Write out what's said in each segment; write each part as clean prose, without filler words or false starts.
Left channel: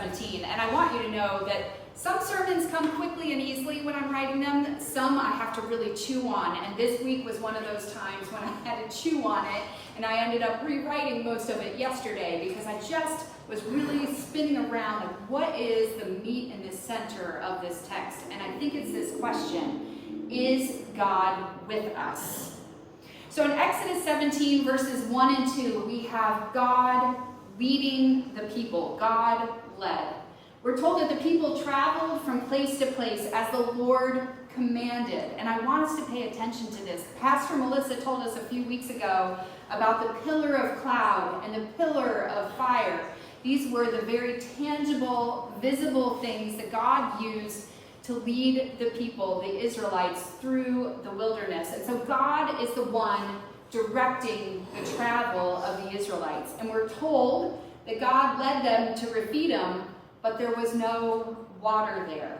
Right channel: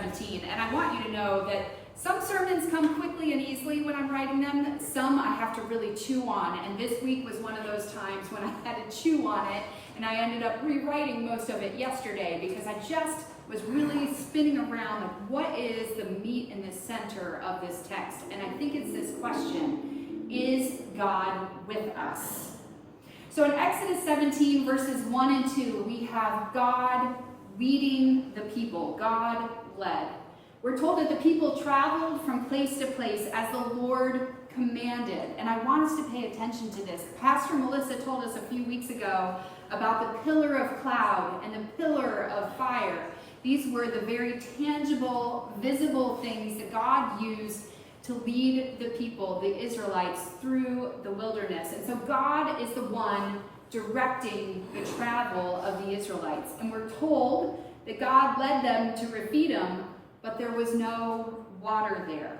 17. And I want you to know that some sermons come quickly and easily when I'm writing them. Some I have to really chew on. And this week was one of those times when I had to chew on it. And I ended up rewriting most of it yesterday because I just was really spinning around like, what is the meat in the center of this text? And I think it's this question: is God with us? So in Exodus 17, verses 1 and 2, we have God leading the people. God led. We're told that the people traveled from place to place as the Lord commanded. And I want us to pay attention to this. Pastor Melissa told us a few weeks ago about the pillar of cloud and the pillar of fire. These were the very tangible, visible things that God used to lead the people, the Israelites, through the wilderness. And so God is the one directing the travel of the Israelites. And we're told that God led them to Rephidim, but there was no water there.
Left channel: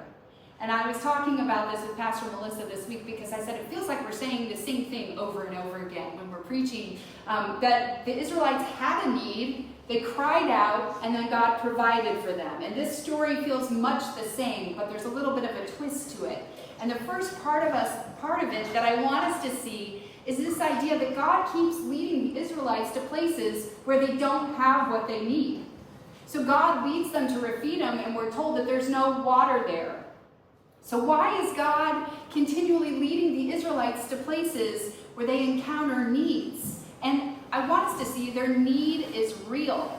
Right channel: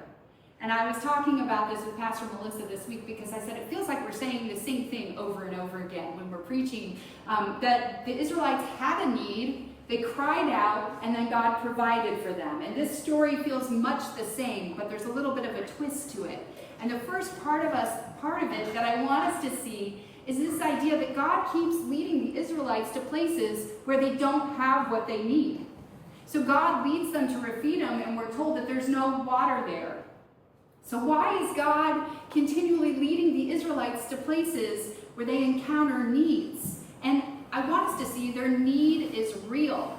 And I was talking about this with Pastor Melissa this week because I said it feels like we're saying the same thing over and over again when we're preaching, that the Israelites had a need, they cried out, and then God provided for them. And this story feels much the same, but there's a little bit of a twist to it. And the first part of it that I want us to see is this idea that God keeps leading the Israelites to places where they don't have what they need. So God leads them to Rephidim, and we're told that there's no water there. So why is God continually leading the Israelites to places where they encounter needs? And I want us to see their need is real.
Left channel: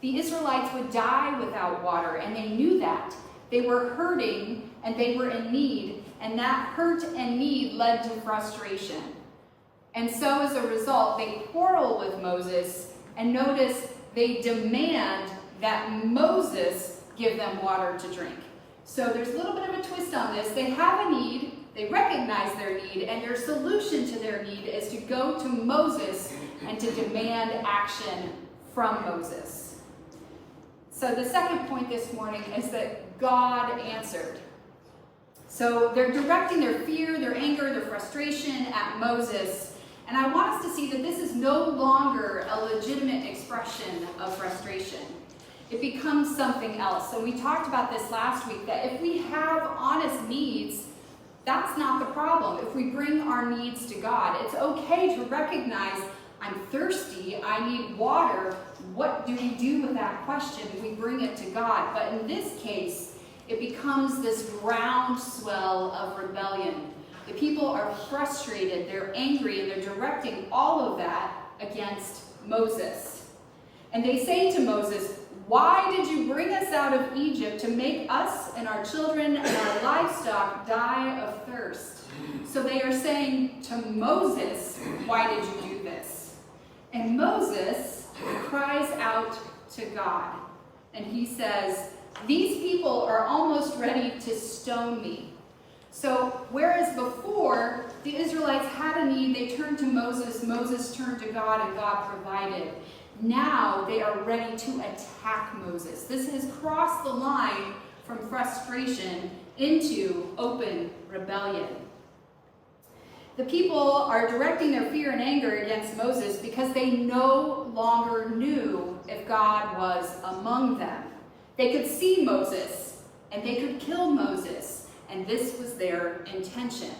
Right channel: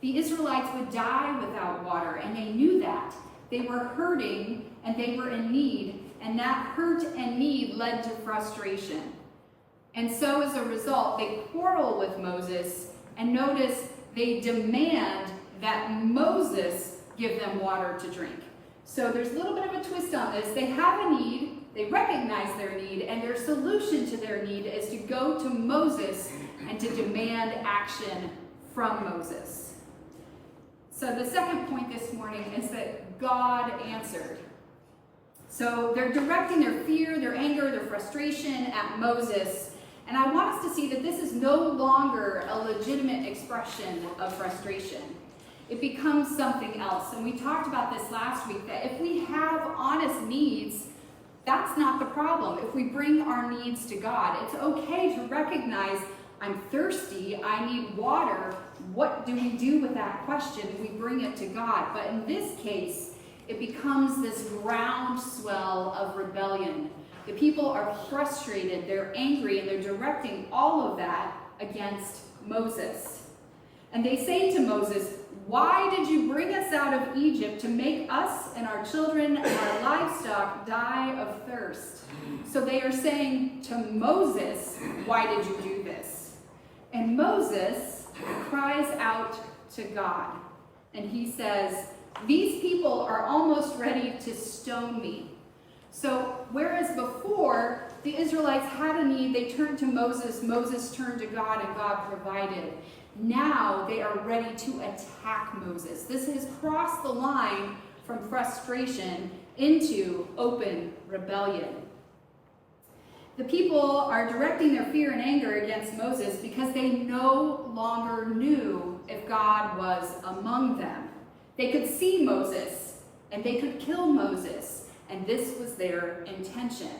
The Israelites would die without water, and they knew that. They were hurting, and they were in need, and that hurt and need led to frustration. And so as a result, they quarrel with Moses, and notice they demand that Moses give them water to drink. So there's a little bit of a twist on this. They have a need, they recognize their need, and their solution to their need is to go to Moses and to demand action from Moses. So the second point this morning is that God answered. So they're directing their fear, their anger, their frustration at Moses. And I want us to see that this is no longer a legitimate expression of frustration. It becomes something else. So we talked about this last week, that if we have honest needs, that's not the problem. If we bring our needs to God, it's okay to recognize, I'm thirsty, I need water. What do we do with that question? We bring it to God. But in this case, it becomes this groundswell of rebellion. The people are frustrated, they're angry, and they're directing all of that against Moses. And they say to Moses, "Why did you bring us out of Egypt to make us and our children and our livestock die of thirst?" So they are saying to Moses, "Why did you do this?" And Moses cries out to God. And he says, "These people are almost ready to stone me." So whereas before the Israelites had a need, they turned to Moses, Moses turned to God, and God provided. Now they are ready to attack Moses. This has crossed the line from frustration into open rebellion. The people are directing their fear and anger against Moses because they no longer knew if God was among them. They could see Moses and they could kill Moses, and this was their intention.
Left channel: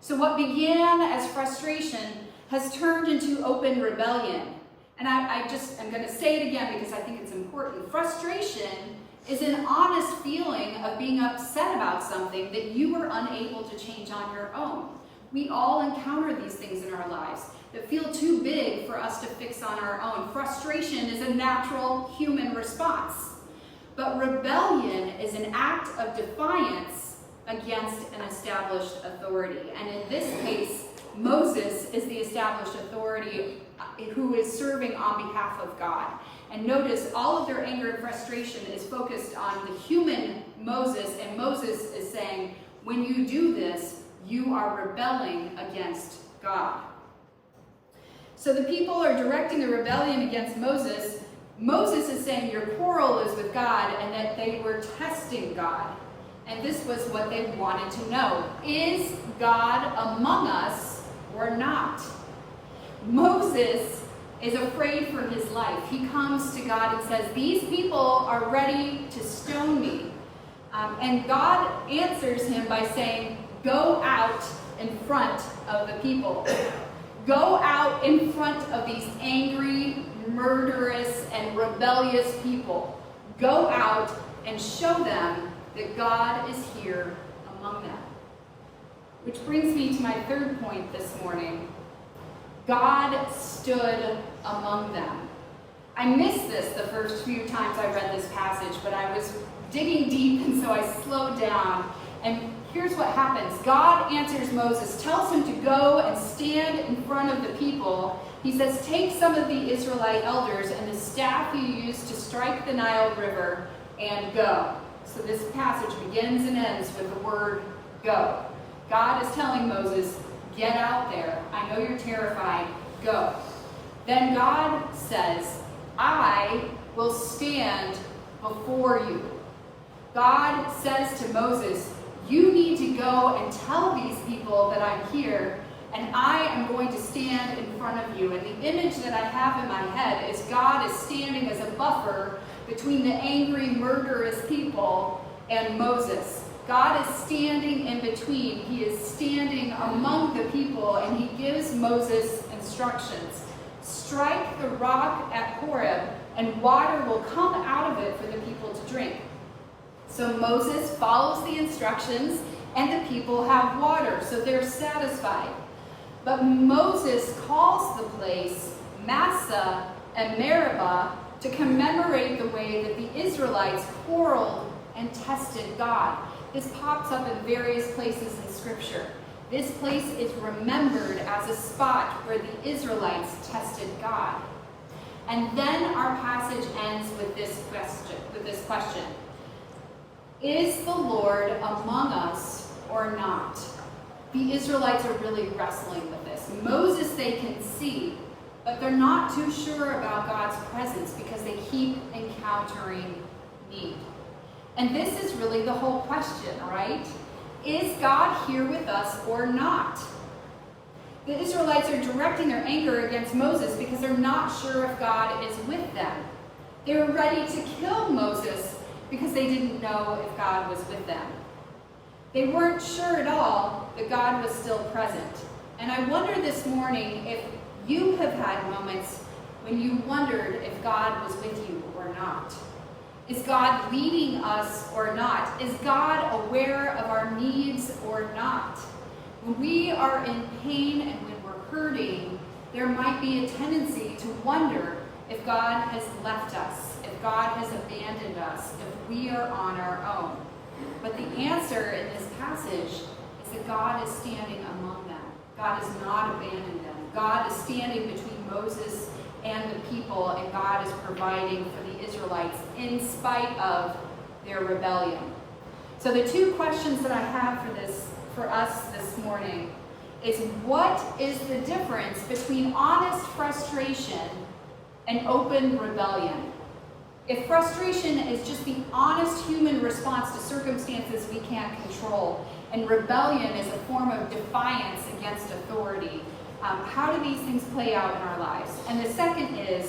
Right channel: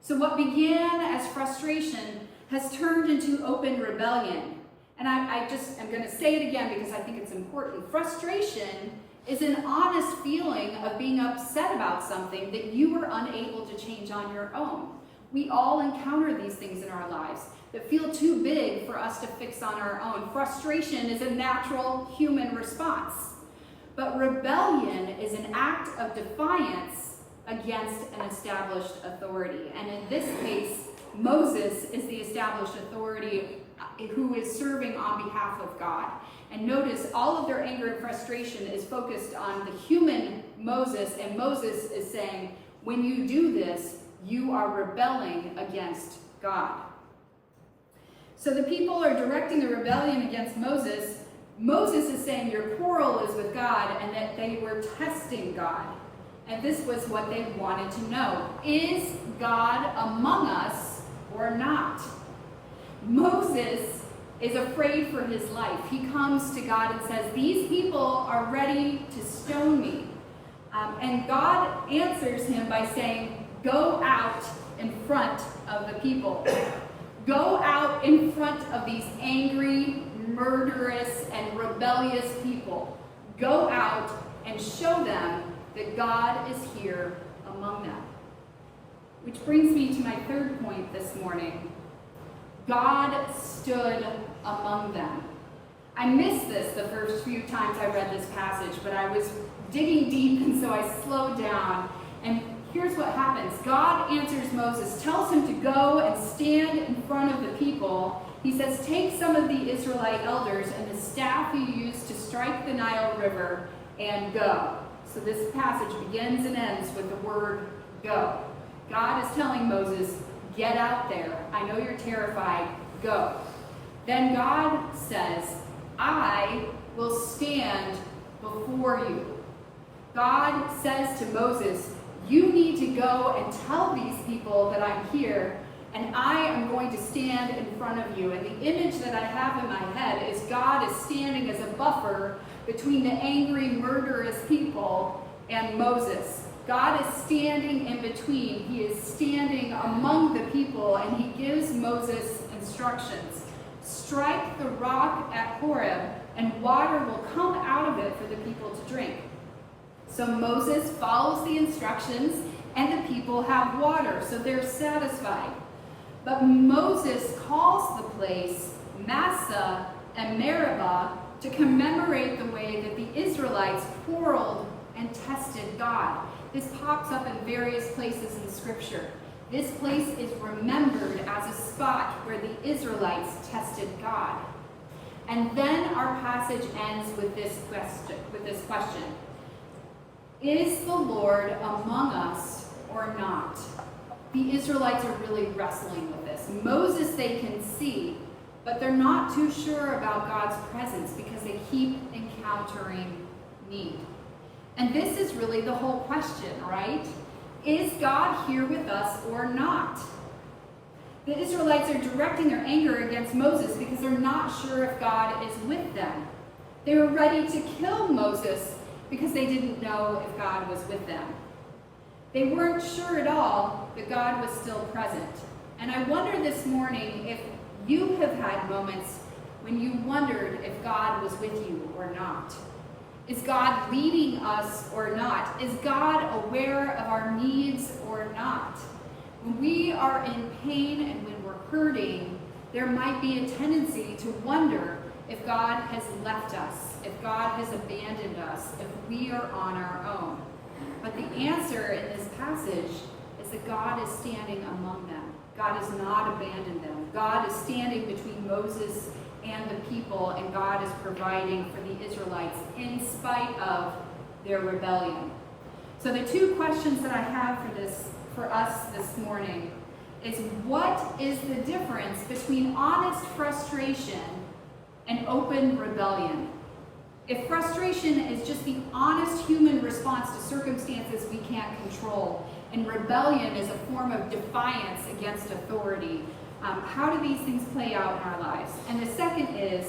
So what began as frustration has turned into open rebellion. And I'm going to say it again because I think it's important. Frustration is an honest feeling of being upset about something that you were unable to change on your own. We all encounter these things in our lives that feel too big for us to fix on our own. Frustration is a natural human response. But rebellion is an act of defiance against an established authority. And in this case, Moses is the established authority who is serving on behalf of God. And notice all of their anger and frustration is focused on the human Moses, and Moses is saying, when you do this, you are rebelling against God. So the people are directing the rebellion against Moses. Moses is saying your quarrel is with God and that they were testing God. And this was what they wanted to know. Is God among us or not? Moses is afraid for his life. He comes to God and says, these people are ready to stone me. And God answers him by saying, go out in front of the people. Go out in front of these angry, murderous, and rebellious people. Go out and show them that God is here among them. Which brings me to my third point this morning. God stood among them. I missed this the first few times I read this passage, but I was digging deep, and so I slowed down. And here's what happens. God answers Moses, tells him to go and stand in front of the people. He says, take some of the Israelite elders and the staff you used to strike the Nile River and go. So this passage begins and ends with the word go. God is telling Moses, get out there. I know you're terrified. Go. Then God says, I will stand before you. God says to Moses, you need to go and tell these people that I'm here, and I am going to stand in front of you. And the image that I have in my head is God is standing as a buffer between the angry, murderous people and Moses. God is standing in between. He is standing among the people, and he gives Moses instructions. Strike the rock at Horeb, and water will come out of it for the people to drink. So Moses follows the instructions, and the people have water, so they're satisfied. But Moses calls the place Massah and Meribah to commemorate the way that the Israelites quarreled and tested God. This pops up in various places in Scripture. This place is remembered as a spot where the Israelites tested God. And then our passage ends with this question. Is the Lord among us or not? The Israelites are really wrestling with this. Moses they can see, but they're not too sure about God's presence because they keep encountering need. And this is really the whole question, right? Is God here with us or not? The Israelites are directing their anger against Moses because they're not sure if God is with them. They were ready to kill Moses because they didn't know if God was with them. They weren't sure at all that God was still present. And I wonder this morning if you have had moments when you wondered if God was with you or not. Is God leading us or not? Is God aware of our needs or not? When we are in pain and when we're hurting, there might be a tendency to wonder if God has left us, if God has abandoned us, if we are on our own. But the answer in this passage is that God is standing among them. God has not abandoned them. God is standing between Moses and the people, and God is providing for the Israelites in spite of their rebellion. So the two questions that I have for us this morning is, what is the difference between honest frustration and open rebellion? If frustration is just the honest human response to circumstances we can't control, and rebellion is a form of defiance against authority, how do these things play out in our lives? And the second is,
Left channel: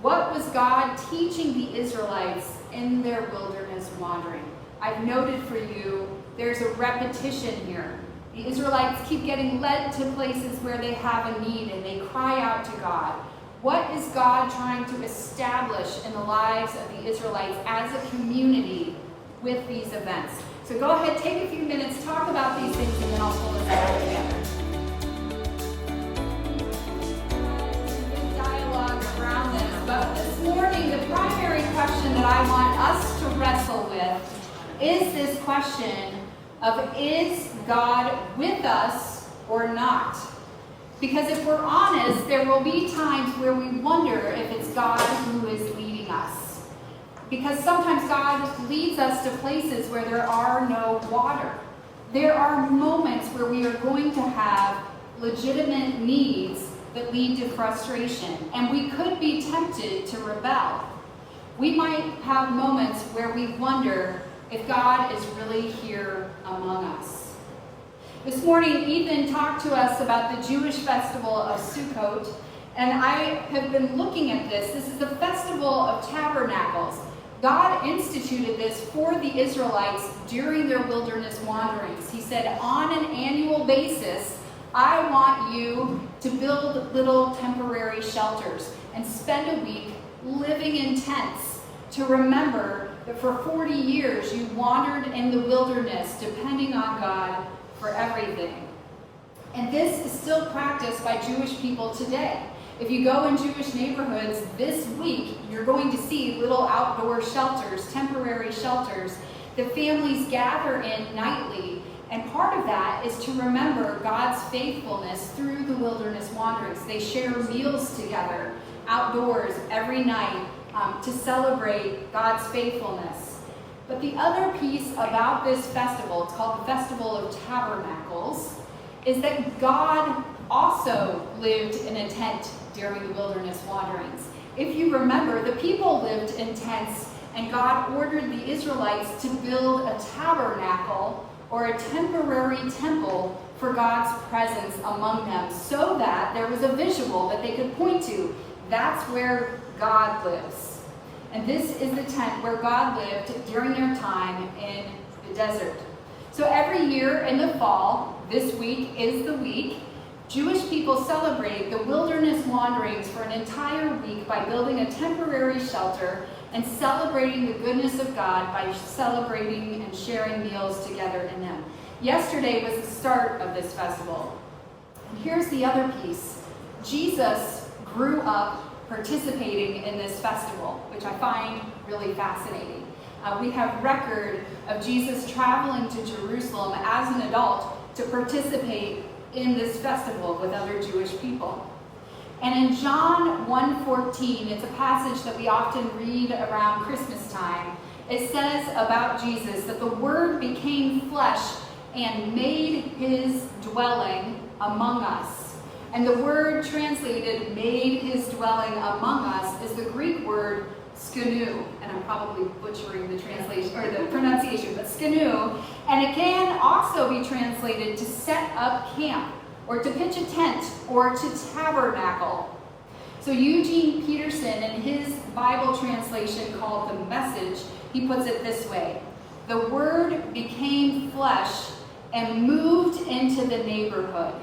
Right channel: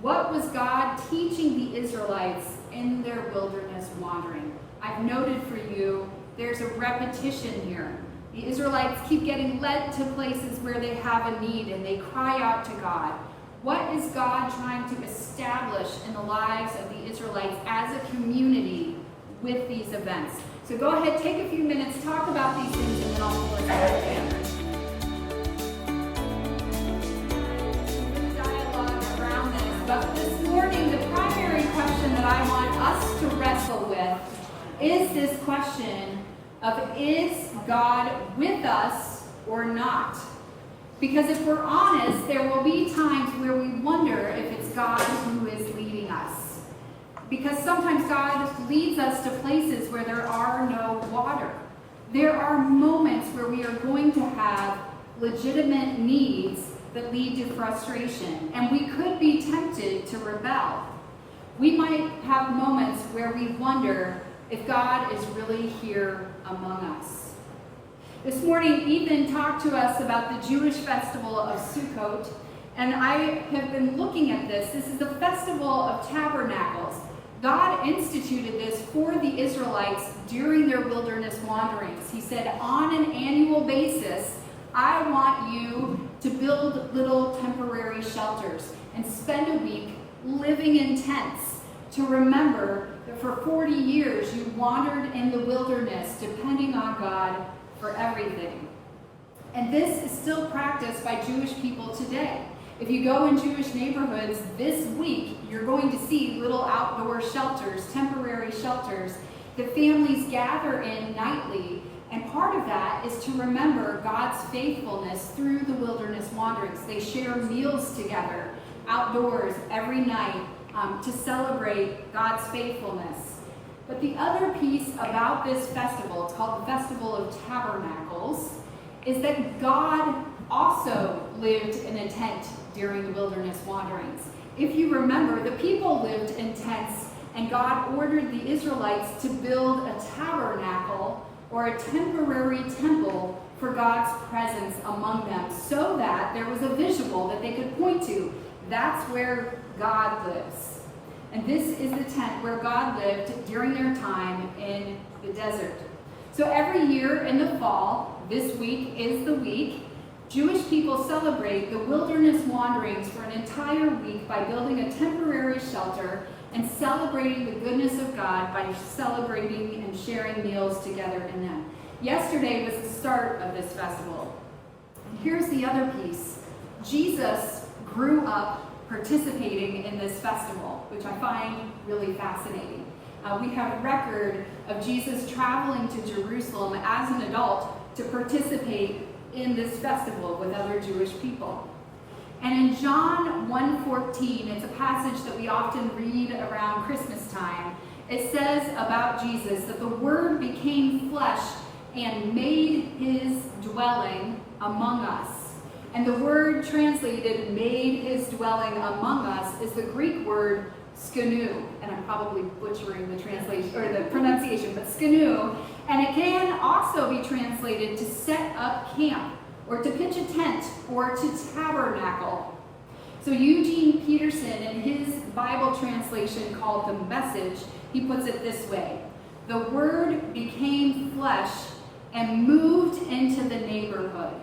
what was God teaching the Israelites in their wilderness wandering? I've noted for you, there's a repetition here. The Israelites keep getting led to places where they have a need and they cry out to God. What is God trying to establish in the lives of the Israelites as a community with these events? So go ahead, take a few minutes, talk about these things, and then I'll pull us back together. But this morning, the primary question that I want us to wrestle with is this question of, is God with us or not? Because if we're honest, there will be times where we wonder if it's God who is leading us. Because sometimes God leads us to places where there are no water. There are moments where we are going to have legitimate needs that lead to frustration, and we could be tempted to rebel. We might have moments where we wonder if God is really here among us. This morning, Ethan talked to us about the Jewish festival of Sukkot, And I have been looking at this. This is the Festival of Tabernacles. God instituted this for the Israelites during their wilderness wanderings. He said, on an annual basis, I want you to build little temporary shelters and spend a week living in tents to remember that for 40 years you wandered in the wilderness depending on God for everything. And this is still practiced by Jewish people today. If you go in Jewish neighborhoods this week, you're going to see little outdoor shelters, temporary shelters, that families gather in nightly. And part of that is to remember God's faithfulness through the wilderness wanderings. They share meals together outdoors every night to celebrate God's faithfulness. But the other piece about this festival, it's called the Festival of Tabernacles, is that God also lived in a tent during the wilderness wanderings. If you remember, the people lived in tents, and God ordered the Israelites to build a tabernacle or a temporary temple for God's presence among them, so that there was a visual that they could point to. That's where God lives. And this is the tent where God lived during their time in the desert. So every year in the fall, this week is the week, Jewish people celebrate the wilderness wanderings for an entire week by building a temporary shelter and celebrating the goodness of God by celebrating and sharing meals together in them. Yesterday was the start of this festival. And here's the other piece. Jesus grew up participating in this festival, which I find really fascinating. We have record of Jesus traveling to Jerusalem as an adult to participate in this festival with other Jewish people. And in John 1:14, it's a passage that we often read around Christmas time. It says about Jesus that the Word became flesh and made his dwelling among us. And the word translated made his dwelling among us is the Greek word skanu, and I'm probably butchering the translation or the pronunciation, but skanu, and it can also be translated to set up camp, or to pitch a tent, or to tabernacle. So Eugene Peterson, in his Bible translation called The Message, he puts it this way: the Word became flesh and moved into the neighborhood.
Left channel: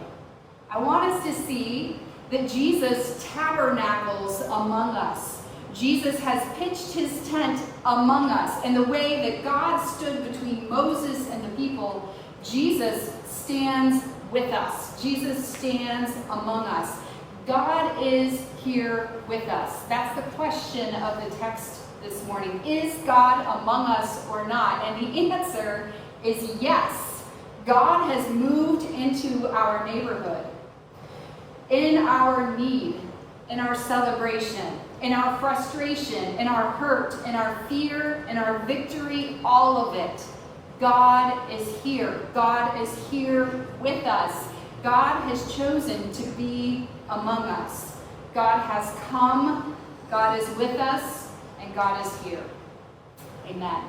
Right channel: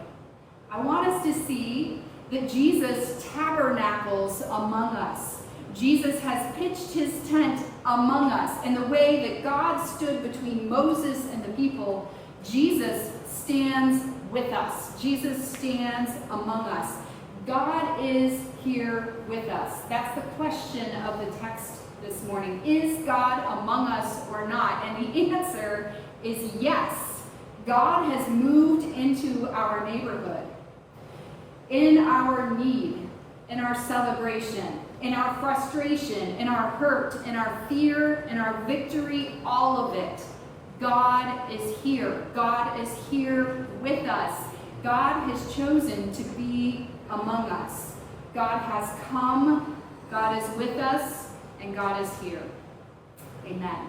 I want us to see that Jesus tabernacles among us. Jesus has pitched his tent among us. And the way that God stood between Moses and the people, Jesus stands with us. Jesus stands among us. God is here with us. That's the question of the text this morning. Is God among us or not? And the answer is yes. God has moved into our neighborhood. In our need, in our celebration, in our frustration, in our hurt, in our fear, in our victory, all of it, God is here. God is here with us. God has chosen to be among us. God has come, God is with us, and God is here. Amen.